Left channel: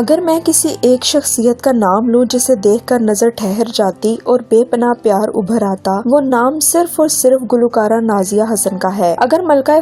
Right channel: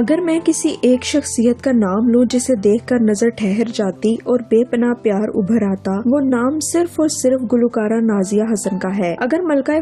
اگر میں کسی ایک شخصیت کا نام لوں جسے دیکھ کر نظر ٹھہر جاتی اور بے پناہ پیار ابھر آتا، وہ نام صرف اور صرف گلوکارہ نازیہ حسن کا ہے۔ اگر ملکہ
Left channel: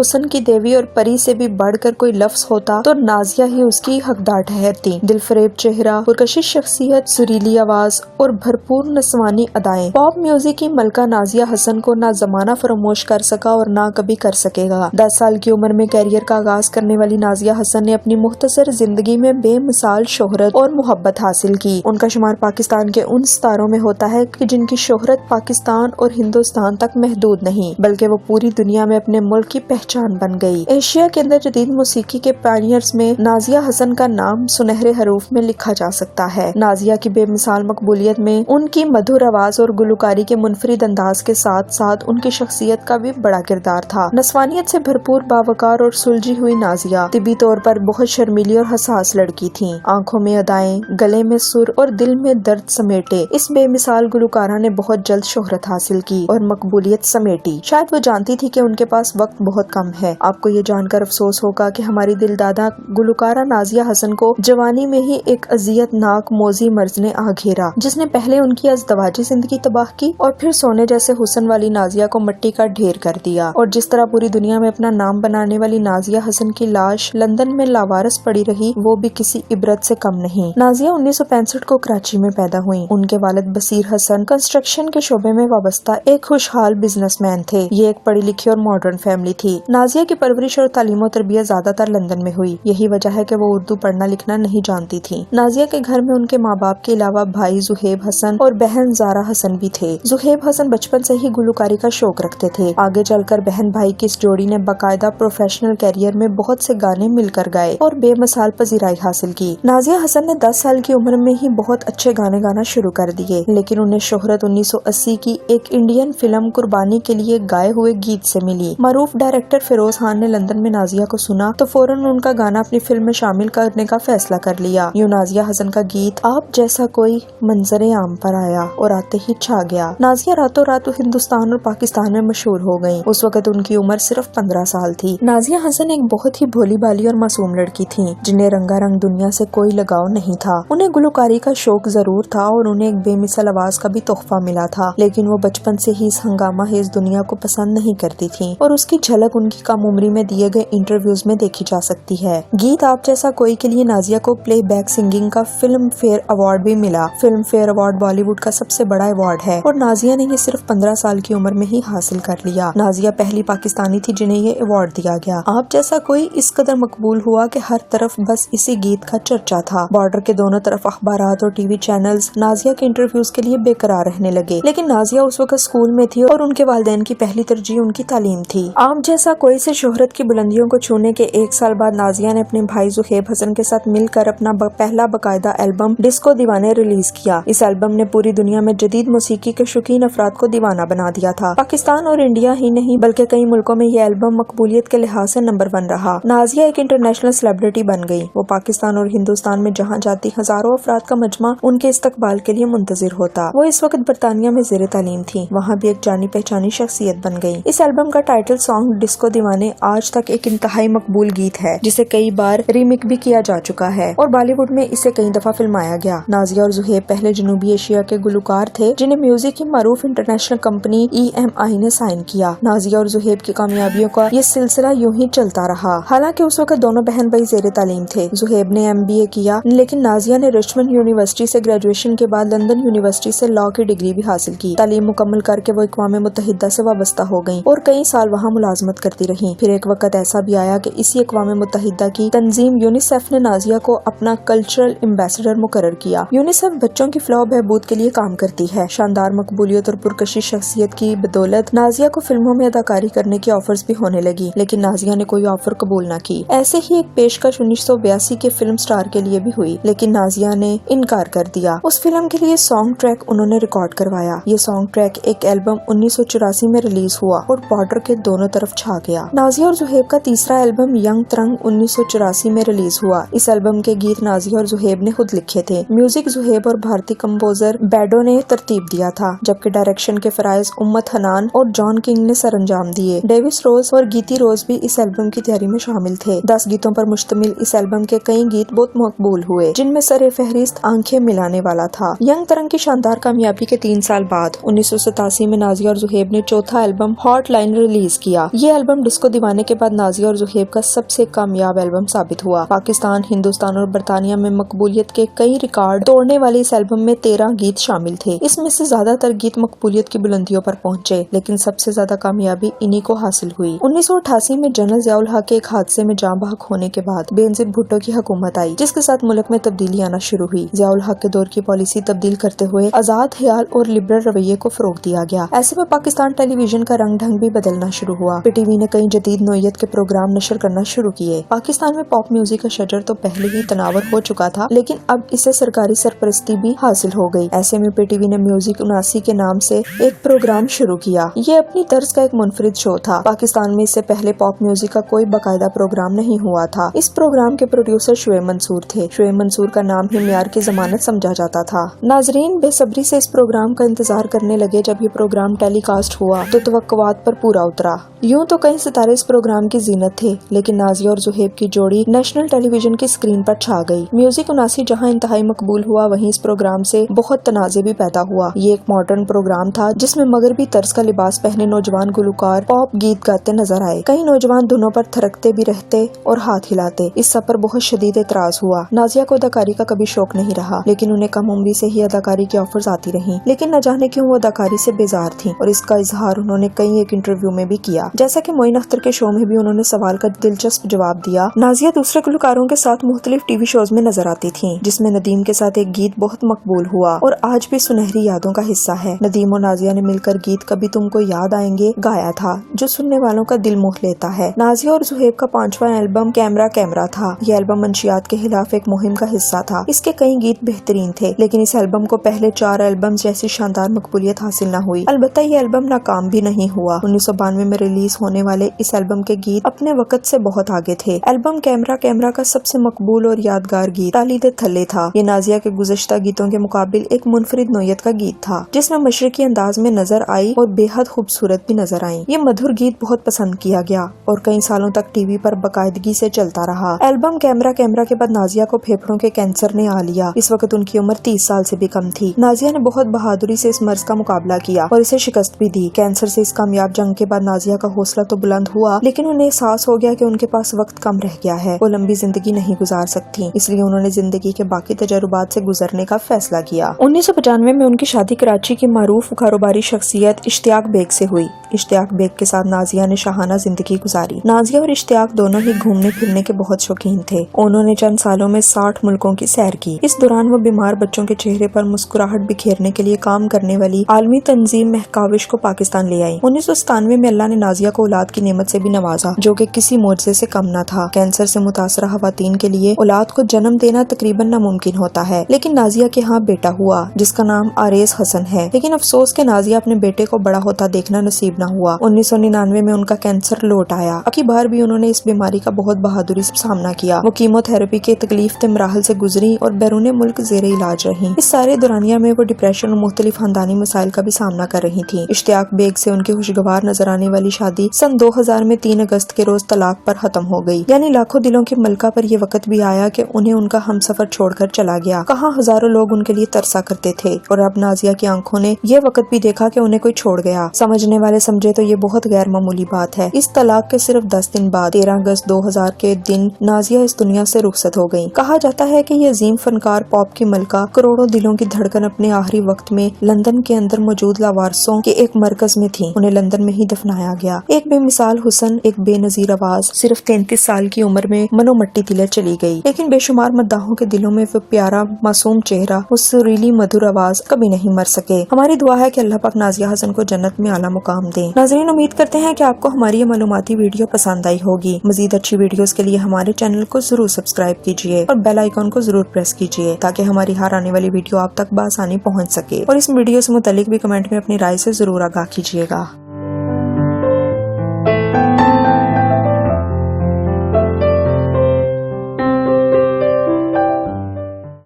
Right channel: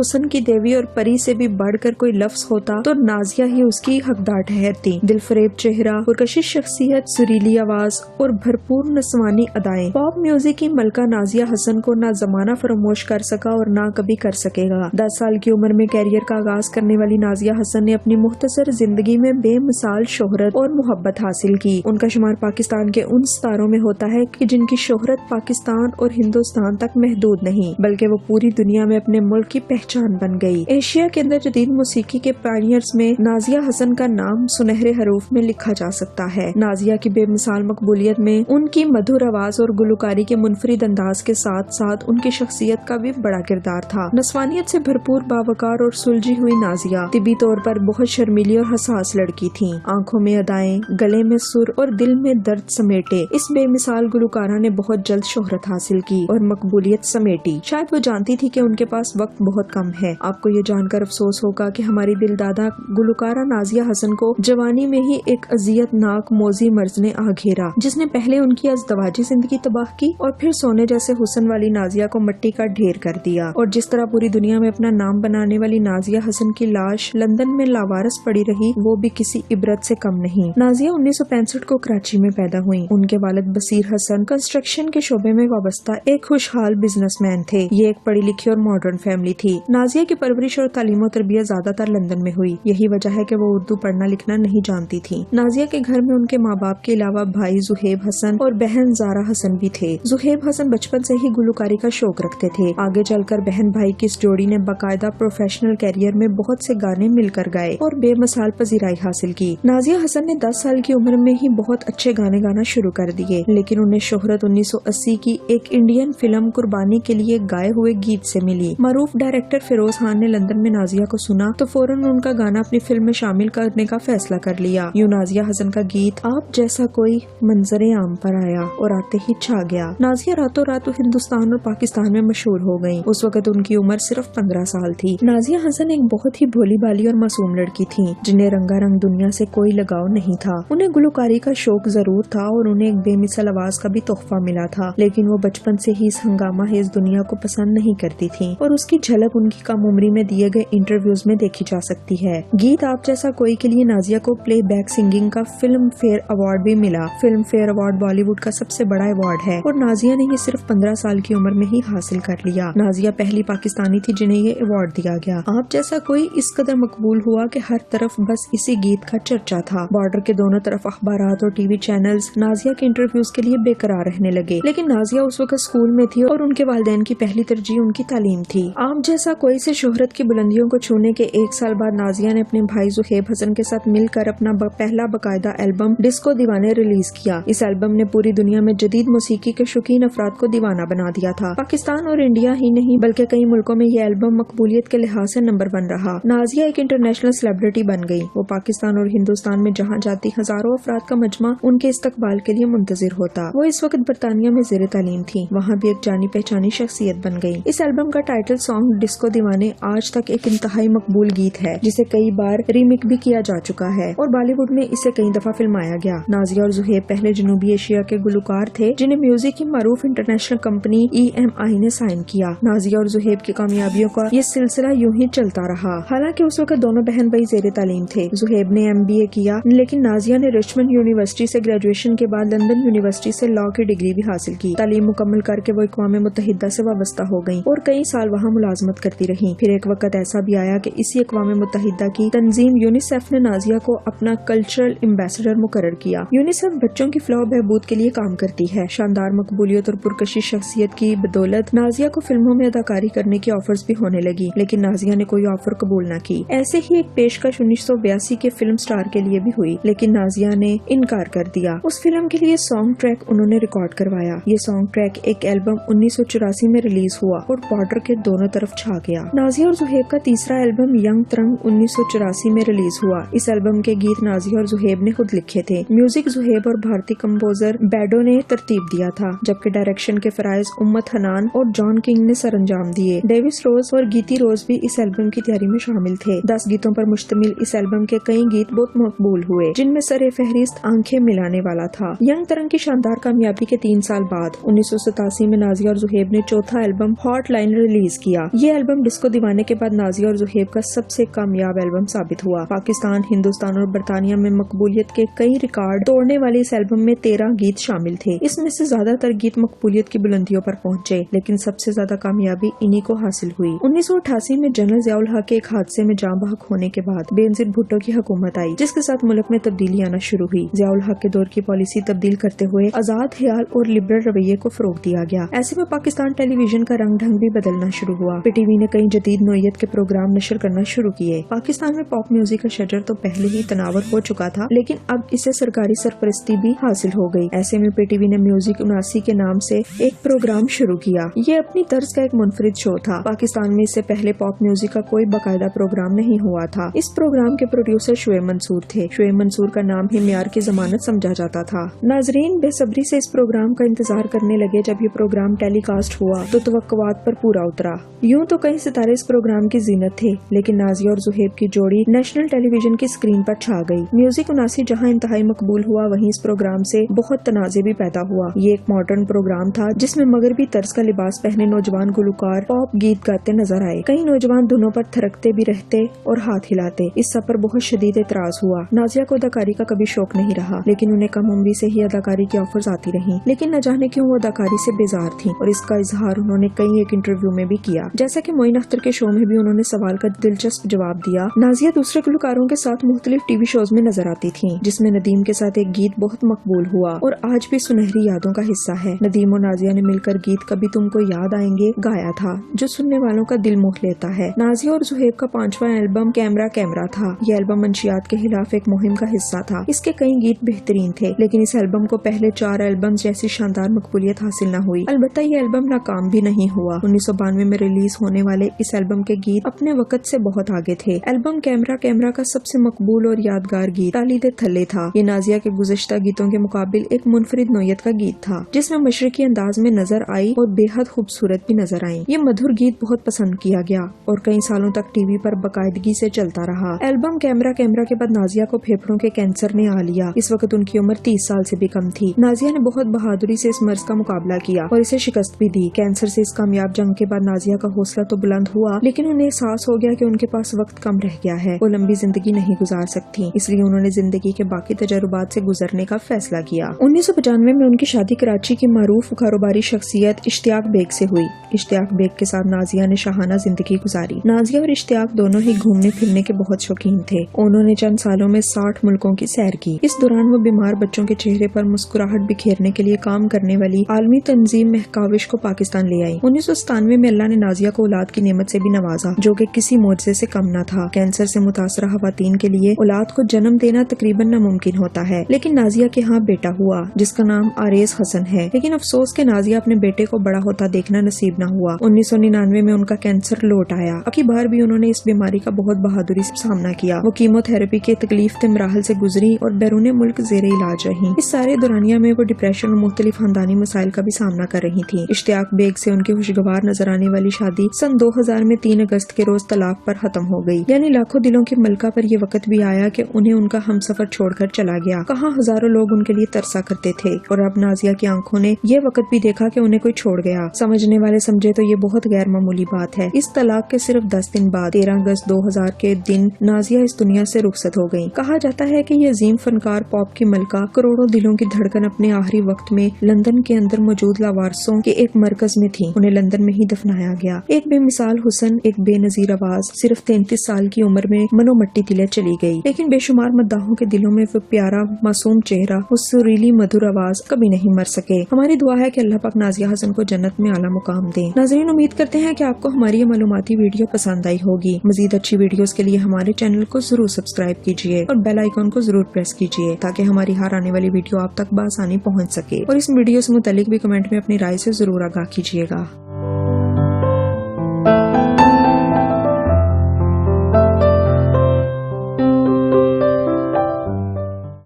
حسن کی دیوی اور پری سے بھی بڑھ کر کوئی لفظ ہوتا تو نازیہ ہی اس کی حقدار ٹھہرتی۔ دل فریب چہرہ، پرکشش شخصیت، سریلی آواز اور بھرپور نسوانی ادائیں، پاپ میوزک کی ملکہ نازیہ حسن کو نہ زمانہ فراموش کر سکا اور نہ کبھی کر سکے گا۔ 10 سال کی عمر میں کیریئر کا آغاز کرنے والی نازیہ حسن نے اپنی مختصر زندگی میں بے مثال شہرت اور محبت حاصل کی۔ ان کا شمار پاکستان کے ان ستاروں میں ہوتا ہے کہ جن کی شہرت پاکستان اور ہندوستان تک محدود نہیں بلکہ وہ پوری دنیا میں اپنے ملک کی پہچان بن گئی۔ ایشیا کے اندر جدید موسیقی کے پائنیئرز میں نازیہ حسن کا نام سنہرے حروف میں لکھا جا سکتا ہے۔ نازیہ کی بے مثال مقبولیت میں ان کی مدھر آواز اور گلوکاری کے منفرد انداز کے ساتھ ساتھ ان کی شخصیت کا بھی بڑا کردار تھا۔ نسوانیت سے بھرپور، باوقار اور سلجھی ہوئی نازیہ طبی طور پر بہت شرمیلی اور حساس لڑکی تھیں۔ آنکھوں میں ادائیں، گلے میں سر اور دل میں درد سمیٹے اس بے مثال گلوکارہ نے بہت جلد شہرت حاصل کی اور مقبولیت سمیٹی۔ شاید وہ جانتی تھی کہ ان کے پاس وقت بہت کم ہے۔ آپ کو یہ جان کر افسوس ہوگا کہ ہماری دل دادا گلوکارہ نازیہ حسن کو جوانی میں ہی ایک اذیت ناک موذی مرض نے آ گھیرا، جس نے پہلے ان کی ازدواجی زندگی تباہ کی اور پھر سونے جیسے حسن والی نازیہ کو مٹی کا ڈھیر کر دیا۔ اور جس طرح پوری دنیا میں اپنا نام بنانے والی نازیہ حسن کی لاش لندن میں لاوارث پڑی رہی، وہ بھی کسی عبرت سے کم نہیں۔ نازیہ 1965 کو کراچی میں پیدا ہوئی۔ ان کے والد بصیر حسن کنسٹرکشن کے شعبے میں وابستہ ایک خوشحال بزنس مین تھے۔ یہ ایک پڑھی لکھی اور ماڈرن فیملی تھی۔ نازیہ کی پرورش اور تعلیم و تربیت زیادہ تر لندن میں ہوئی۔ یہی وجہ ہے کہ وہ اردو پڑھنا لکھنا نہیں جانتی تھی۔ نازیہ کے گھر میں ان کے ماں باپ کے علاوہ بھائی زہیب حسن اور بہن زارا حسن بھی تھے۔ زہیب حسن بچپن سے ہی گلوکاری کا شوق رکھتے تھے۔ آگے چل کر بہن بھائی کی اس جوڑی نے باقاعدہ پروفیشنل کیریئر میں بہت سے گانے مل کر گائے اور بے مثال پذیرائی حاصل کی۔ نازیہ حسن نے 10 سال کی عمر میں ہی بہت اچھے گانے گانا شروع کر دیے، لیکن انہیں شہرت 1980 کی ایک انڈین فلم قربانی کے لیے گائے ہوئے گیت سے ملی۔ معروف ڈائریکٹر فیروز خان نے لندن میں نازیہ کو سنا تو فوراً ان کا گانا اپنی فلم میں شامل کرنے کا فیصلہ کر لیا۔ یوں نازیہ حسن کا گیت آپ جیسا کوئی منظر عام پر آیا اور آتے ہی چھا گیا۔ نازیہ راتوں رات ہندوستان اور پاکستان میں مشہور ہو گئیں۔ اس وقت ان کی عمر صرف 15 سال تھی۔ نازیہ حسن ایک بہت ہی بھولی بالی اور معصوم لڑکی تھیں جنہیں رنگا رنگ دنیا سے کوئی لگاؤ نہیں تھا۔ انہیں گلوکاری کا شوق ضرور تھا اور انہیں ایک بے مثال آواز کا بھی تحفہ ملا تھا، لیکن وہ بچپن سے ہی اس ہنگامہ خیز دنیا کو پسند نہیں کرتی تھیں اور اس کی جھلک ان کی کم عمری میں دیے گئے انٹرویوز میں دیکھی جا سکتی ہے۔ گیت آپ جیسا کوئی کے لیے نازیہ کو پلے بیک سنگنگ کا فلم فیئر ایوارڈ بھی ملا۔ Filmfare award Bollywood کا سب سے بڑا ایوارڈ ہے اور نازیہ نے یہ صرف 15 سال کی عمر میں ہی حاصل کر لیا۔ نازیہ پہلی پاکستانی تھی جنہیں یہ ایوارڈ دیا گیا۔ آپ جیسا کوئی اس قدر مقبول ہوا کہ ہر طرف بس اسی گیت کا چرچا تھا۔ بارڈر کے دونوں طرف اخبارات اور ٹی وی چینلز نازیہ کے انٹرویوز کے لیے بے قرار رہنے لگے، لیکن نازیہ اس وقت اسکول میں تھی اور ان کے والدین کی پہلی ترجیح ان کی تعلیم تھی۔ آپ جیسا کوئی سے شہرت کی بلندیوں کو چھونے کے 1 سال بعد نازیہ نے اپنے بھائی زہیب حسن کے ساتھ مل کر اپنا پہلا باقاعدہ البم ڈسکو دیوانے ریلیز کیا۔ اس البم نے پوری دنیا میں جدید موسیقی کے شوقین افراد کو دیوانہ بنا دیا تھا۔ پاکستان اور انڈیا ہی نہیں بلکہ کئی ملکوں میں یہ البم مقبولیت کے لحاظ سے نمبر 1 رہا۔ نازیہ ایک انٹرنیشنل سیلیبریٹی بن گئی۔ وہ پاکستان اور ہندوستان میں جہاں جاتی ہزاروں افراد کا مجمع ان کے استقبال کے لیے منتظر ہوتا۔ وہ اس وقت برطانیہ میں زیر تعلیم تھی، وہاں بھی ایک جانی پہچانی شخصیت بن گئی۔ اس البم کا ٹائٹل سانگ ڈسکو دیوانے آج تک ایک انتہائی مقبول گیت ہے جسے کئی بار ریمیک بھی کیا جا چکا ہے اور بالی ووڈ میں اسے کئی دفعہ فلمایا گیا۔ نازیہ اور زہیب پہلے جنوبی ایشیا کے گلوکار تھے جنہیں میوزک کی معروف انٹرنیشنل کمپنی EMI نے سائن کیا۔ نازیہ اور زہیب کی کامیابیوں کا یہ سلسلہ یوں ہی چلتا رہا۔ حالانکہ اس وقت دونوں بہن بھائی زیر تعلیم تھے۔ زہیب نے MBA کیا لیکن نازیہ نے رچمنڈ یونیورسٹی سے گریجویشن کے بعد لندن یونیورسٹی سے لاء کی ڈگری بھی حاصل کی۔ تعلیم مکمل کر کے وہ اقوام متحدہ سے وابستہ ہو گئیں اور کئی سال وہاں ملازمت کرتی رہیں۔ پھر ایک وقت ایسا بھی آیا کہ اسی اقوام متحدہ کی تنظیم یونیسیف نے نازیہ کو اپنا کلچرل ایمبیسڈر مقرر کیا۔ یونیسیف بچوں کی فلاح و بہبود کے لیے کام کرتی ہے۔ شاندار مقبولیت اور پرکشش شخصیت کی بدولت نازیہ کو فلموں میں اداکاری کرنے کی آفرز بھی ہونے لگی، لیکن نازیہ نے کوئی آفر قبول نہ کی۔ ایسے ہی ایک پیشکش 1982 کے فلم سٹار کے لیے بھی ہوئی، لیکن نازیہ نے انکار کر دیا۔ اس فلم کے لیے سانگ ٹریک انہوں نے ریکارڈ کروایا۔ یہ سانگ ٹریک ایک البم 1984 میں ریلیز ہوا اور بارڈر کے دونوں طرف چھا گیا۔ نازیہ اور زہیب کا تیسرا البم ینگ ترنگ 1984 میں ریلیز ہوا۔ اس البم کے گیت نازیہ اور زہیب نے خود لکھے تھے۔ میوزک زہیب اور بھارتی کمپوزر بیڈو نے ترتیب دیا تھا، جبکہ ڈائریکشن کے فرائض امت حنان اور جان کنگ نے سر انجام دیے۔ ڈیوس روز اور گیتی روز بھی اس البم کی تیاری میں شامل تھے۔ 10 گیتوں پر مشتمل اس البم کے کئی گیت गीत बहुत मकबूल हुए, जिनमें सरे फहरिस्त आंखें मिलाने वाला था। यंग तरंग की शानदार कामयाबी के 3 साल बाद 1987 में नाजिया और जुहेब ने चौथा एल्बम हॉट लाइन रिलीज किया। ये एल्बम डिस्को दीवाने के बाद नाजिया और जुहेब का सबसे कामयाब एल्बम साबित हुआ। पाकिस्तान, हिंदुस्तान और बरतानिया में मकबूलियत के कई रिकॉर्ड तोड़ने वाले इस एल्बम में 13 गीत शामिल थे। इसमें से ज्यादातर गीत मकबूलियत की बुलंदियों पर पहुंचे, लेकिन सबसे ज्यादा कामयाबी इन्हीं को हासिल हुई। 1988 में जनरल ज़ियाउल हक के एक हादसे में जाँ बहक होने के बाद बेनजीर भुट्टो की हुकूमत आई, जिसके साथ मुल्क में तब्दीली आना शुरू हुई। ज़ियाउल हक के दौर की पॉलिसी तब्दील करते हुए आजाद ख्याल और लिबरल रवैये को फरोग दिया गया। ऐसे में पाकिस्तान टेलीविजन का रंग ढंग भी बदलना शुरू हुआ। पीटीवी ने कई जदीद नोयत के प्रोग्राम नशर करना शुरू किए। पाकिस्तान में पॉप म्यूजिक का शजर तो पहले ही तनावर हो चुका था, लेकिन अब इसे सरकारी सरपरस्ती भी हासिल हो गई। ऐसे में पीटीवी ने म्यूजिक 79 के नाम से एक प्रोग्राम शुरू किया। ये अपनी तर्ज का एक मुनफरिद शो था। पाकिस्तान में इससे पहले पॉप म्यूजिक का कोई बाकायदा प्रोग्राम नहीं हुआ था। इस प्रोग्राम के प्रोड्यूसर शुएब मंसूर थे। शुएब मंसूर का नाम ही मियार की जमानत समझा जाता था। नाजरीन बेसब्री से इस प्रोग्राम का इंतजार करने लगे। जब ये प्रोग्राम टेलीकास्ट हुआ तो तवक्कुआत पर पूरा उतरा। यूं तो कई सितारे इस प्रोग्राम की जीनत थे, लेकिन नाजिया और जुहेब की जोड़ी नेशनल टेलीविजन की स्क्रीन पर छा गई। म्यूजिक 79 जहां इंतहाई मकबूल हुआ, वहीं इस प्रोग्राम से बहुत तनाज़े भी पैदा हुआ। ये एक मॉडर्न प्रोग्राम था जिसमें मगरबी तर्ज का लिबास पहने नौजवान गुलकार पॉप गीत गाते नजर आए। कई नौजवान धुनों पर थिरकते भी रहते और हाथ हिलाते। इस सब पर बहुत शदीद एतराज हुआ। नाजिया को अदाकारी का कभी शौक नहीं रहा, लेकिन उन्हें कम उम्री से ही अदाकारी की ऑफर्स आती रहीं। लेकिन न जाने क्यों वो अदाकारी से बेजार थी, और इसका इजहार उन्होंने कई एक इंटरव्यू में भी किया। जैसा कि मोइन अख्तर के शो में भी उन्होंने सवाल का दिलचस्प जवाब दिया। नाजिया दूसरे गुलकारों के साथ मुख्तलिफ टीवी शोज में नजर आती थी, जिसमें नदीम के साथ एक गीत बहुत मकबूल हुआ और आज भी सुनहरी यादों का हिस्सा है। नदीम और नाजिया ने मिलकर गीत कभी तुमको याद आएंगे गाया था, जो सुनने वालों का दिल मोह लेता है। नाजिया और जुहेब का 5वां एल्बम कैमरा कैमरा था। यह एल्बम मंशियात के खिलाफ एक मुहिम का हिस्सा था। इसके कई गीत बेहतरीन थे, लेकिन इस एल्बम को पहले 4 एल्बम जैसी शानदार मकबूलियत हासिल न हुई। अलबत्ता ये एल्बम नाकाम भी नहीं हुआ। 1992 में रिलीज होने वाले इस एल्बम के गीत अपने वक्त से बहुत आगे थे। एल्बम कैमरा कैमरा का सबसे मकबूल और यादगार गीत ताली दे थल्ले था। ये नाजिया के गुज़श्ता गीतों के मुकाबिल एक मुनफरिद नोयत का गीत था, जिसमें मशरकी अंदाज में नजर आई और बेहद खूबसूरत भी नजर आई। ये मधुर गीत बहुत पसंद किया गया और कई सालों तक टीवी पर बाकायदगी से चलता रहा। एल्बम कैमरा कैमरा के बाद नाजिया को फेफड़ों के कैंसर ने आ लिया। इस वक्त उनकी उम्र 30 साल से भी कम थी। नाजिया ने बहुत बहादुरी से इस मर्ज का मुकाबला किया और इसे शिकस्त भी दी। कैंसर से इस कामयाब जंग के बाद नाजिया का हौसला तो बुलंद हुआ, लेकिन उन्हें एहसास हो गया कि उनके पास वक्त कम रह गया है। वो लंबी जिंदगी नहीं गुजार सकती, इसलिए उन्होंने जिंदगी के बाकी तजुर्बात से गुजरने का फैसला किया। 1995 में उनकी शादी कराची की मारूफ कारोबारी शख्सियत इश्तियाक बेग से हुई। इश्तियाक बेग के साथ नाजिया ने शाहाना जिंदगी गुजारी। नाजिया और इश्तियाक दोनों ही घूमने फिरने के बहुत शौकीन थे। उन्होंने चंद सालों में 60 मुल्कों की सैर की। इस दौरान वो बीमार बच्चों के चेहरे पर मुस्कुराहट बिखेरने के लिए काम करने वाली आलमी तंजीम महकाविश को पाकिस्तान ले आई। 1997 में अल्लाह ने नाजिया को औलाद की नेमत से भी नवाजा, जो कि किसी मोजज़े से कम न था। कैंसर से मुतासरा खवातीन के लिए औलाद को जन्म देना तकरीबन नामुमकिन होता है, लेकिन नाजिया के यहाँ बेटा हुआ जिसका नाम आरेज हसन है। लेकिन अफसोस के नाजिया अपने बेटे को बड़ा होता देखना नसीब न हुआ। 1999 में उनका कैंसर लौट आया। अबकी बार भी उन्होंने इस बीमारी का बहुत बहादुरी से सामना किया। वो कीमोथेरेपी के तकलीफ ते मराहल से गुजरी और बैरून मुल्क ज़ेरे इलाज रही। इस सारे दौरानिया में वो डिप्रेशन और मुख्तलिफ खानदानी मसाइल का भी सामना कर रही थी। इश्तियाक बेग से उनकी खुशगवार नजर आने वाली शादी सन 2000 में 3 अगस्त के रोज तलाक पर खत्म हो गई। यानी लाखों दिलों के मलका पर ये वक्त भी आया कि उन्हें उनका हमसफर छोड़कर चला गया। कहाँ हजारों लोग उनके लिए तरसा करते थे, और अब नाजिया की आंखों ने ये वक्त भी देखा कि उन्हें कोई छोड़ गया। समझने वाले समझे तो ये बहुत गैर मामूली बात है। इस तलाक के सिर्फ 10 दिन बाद 13 अगस्त 2000 के दिन नाजिया इस दुनिया से रुखसत हो गयी। कहा जाता है कि ये अजीम फनकार पॉप की मलका करोड़ों दिलों की धड़कन अपने आखिरी वक्त में लंदन के अंदर मौजूद लावारसों के एक मरकज में थी। उन्हें लंदन में ही दफनाया गया। एक बेमिसाल हुस्न, एक बेनजीर आवाज, सिर्फ 33 साल की उम्र में मनो मट्टी तिले चली गई। लेकिन बेशुमार मद्दाहों के दिलों में वो प्यारा मासूम चेहरा, वो सुरीली मधुर आवाज कभी नहीं मर सके। हमारी दुआ है कि अल्लाह पाक नाजिया हसन को जन्नत में आला मुकाम दे। नाज़रीन, उम्मीद करते हैं कि आपको हमारी ये मालूमाती वीडियो पसंद आई होगी। मजीद अच्छी वीडियोस के लिए हमारे चैनल को जरूर सब्सक्राइब कीजिए और बेल आइकॉन को जरूर प्रेस कीजिए, ताकि हमारी हर आने वाली वीडियो आप तक बआसानी पहुंच सके। और इस वीडियो से मुतालिक भी कमेंट में अपनी राय से जरूर आगाह कीजिएगा।